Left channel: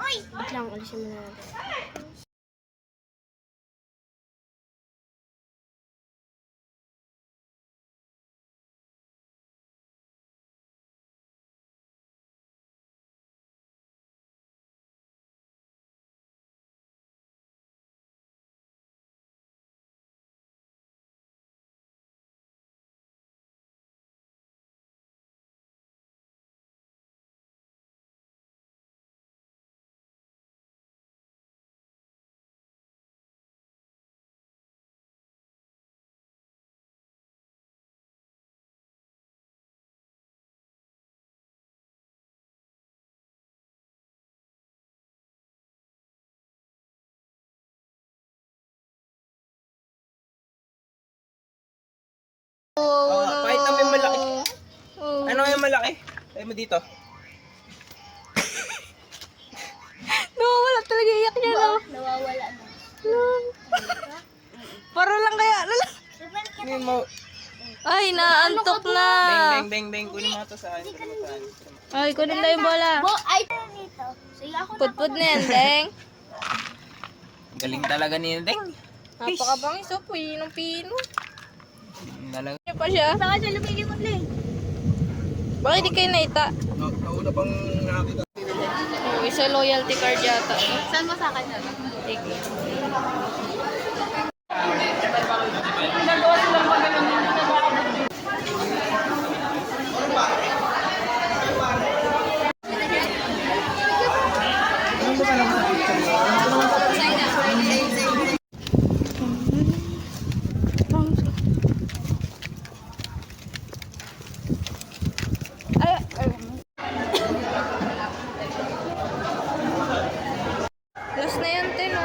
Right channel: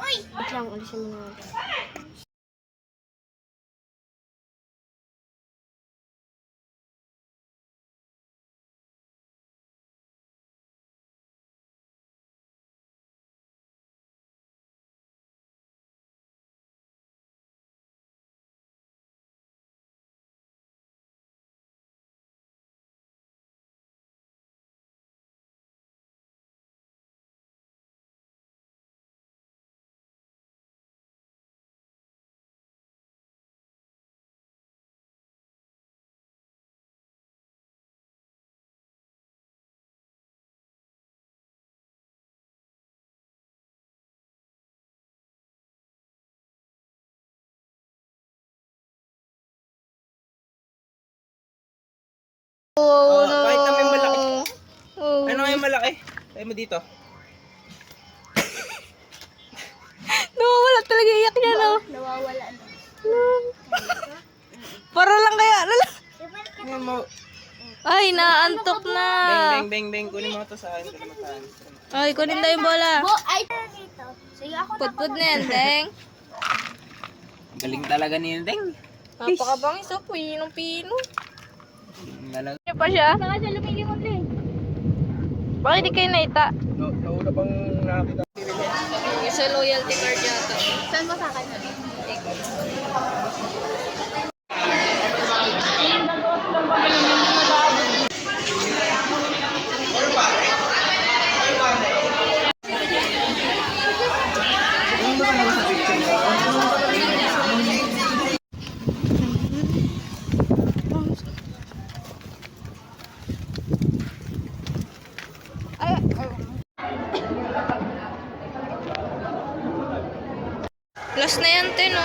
Wait lang, ulisin mo na natin. Oh, no. Kahit namin malaki. Oh. Ano yung malaki? Kaya mo dito. Nawawala talaga, iyak niya, no? Nawawala na. Para lang kaya, lala. Hindi mo. Ay, naantok na. Beng. Kunin mo ito sa akin. Ay, kunin na yung bola. Ay, dito. Sige, ako na. Putput na yan, Deng. Galing talaga ni Deng. Napakabangis, oh. Pinong-pino. Galing. Ano pa siya? Saka siya lumigay mo, Ling. Bakit di kayo naita? Nauna pang nakakita. Sa loyalty card yata. Saan mo sa akin? Last na yan, te, no?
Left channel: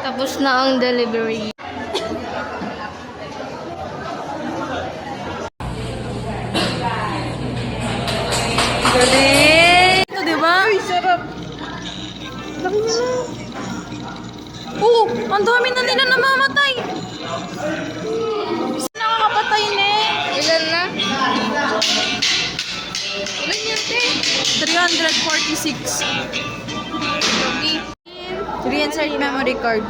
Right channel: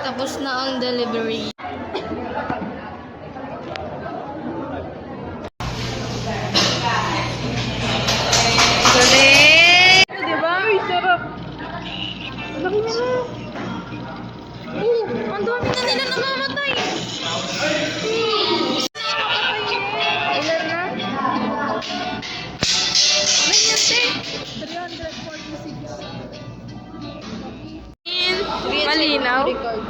Tapos na ang delivery. Galing! Ito, di ba? Ay, sarap. Laki niya na. Oo, ang dami na nila namamatay. Nakakapatay na eh. Ilan na? Ilan yan, te? 346. Malinaw. Memory card.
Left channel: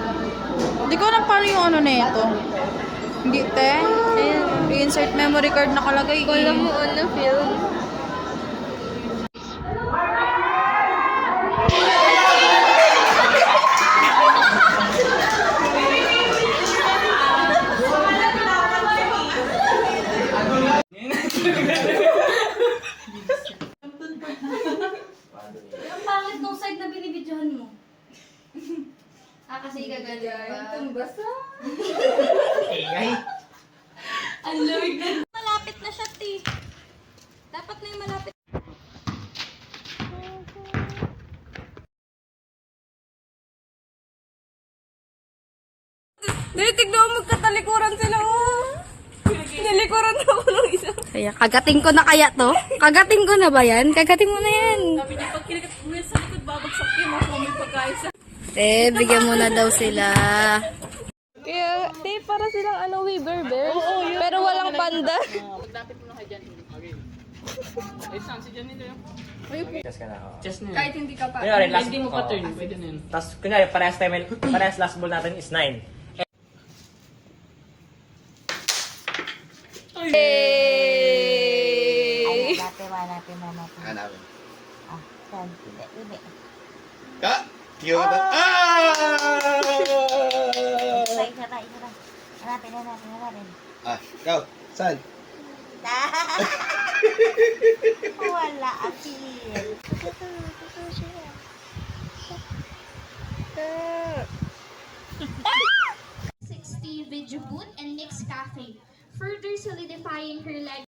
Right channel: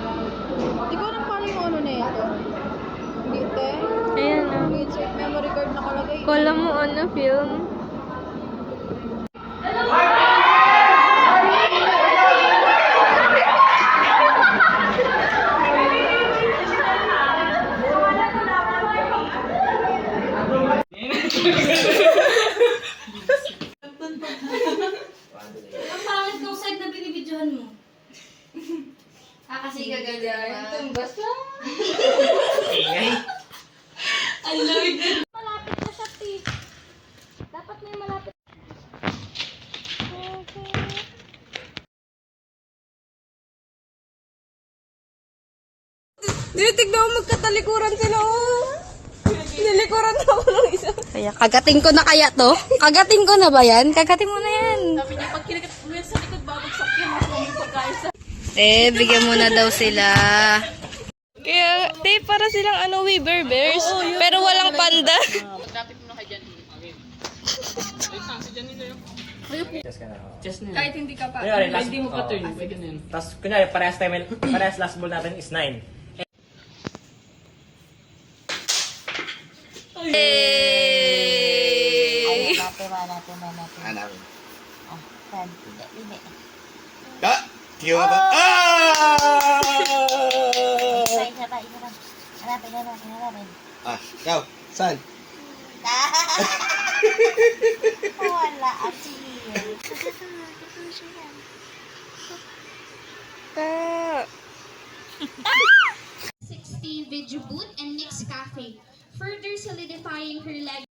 Hindi ko alam paano yung ano na ito. Hindi, te. Ayan. Insert memory card nakalagay. Kala mo ano, film? Ang pangit kong side na binibidyohan mo. Kasi gaganda. Tumbas lang. Ang lamig na. Malapit na siya, ti. Dapat na yung malapit. Tignan mo, magkatalikuran sila mo. Nilikuran na ako ng isa. Kaya, kagating ko na kaya to? Kagating ko na ba yan? Kagating mo na yan. Sabi niya, pag kinagat mo yan sa likod, babagsak yun. Mas may pagkain sa... Bigyan mo na daw sila. Kaya, para silang ano, Weaver Bears. Pero walang panda. Kahit hindi ka pa. Kunyari, last, Hindi mo pa turn. Pwede na yun. Tapos, kunyari, parehas last ball natin is 9. Hey! Hanapin. Hindi. Ah! Tiyo ka ba? Ah! Isa pa. Hanapin. Ah, ikaw. Saan? Wala, Achille. Ah! 60 video booth and mixed cafe, further solidifying her legacy.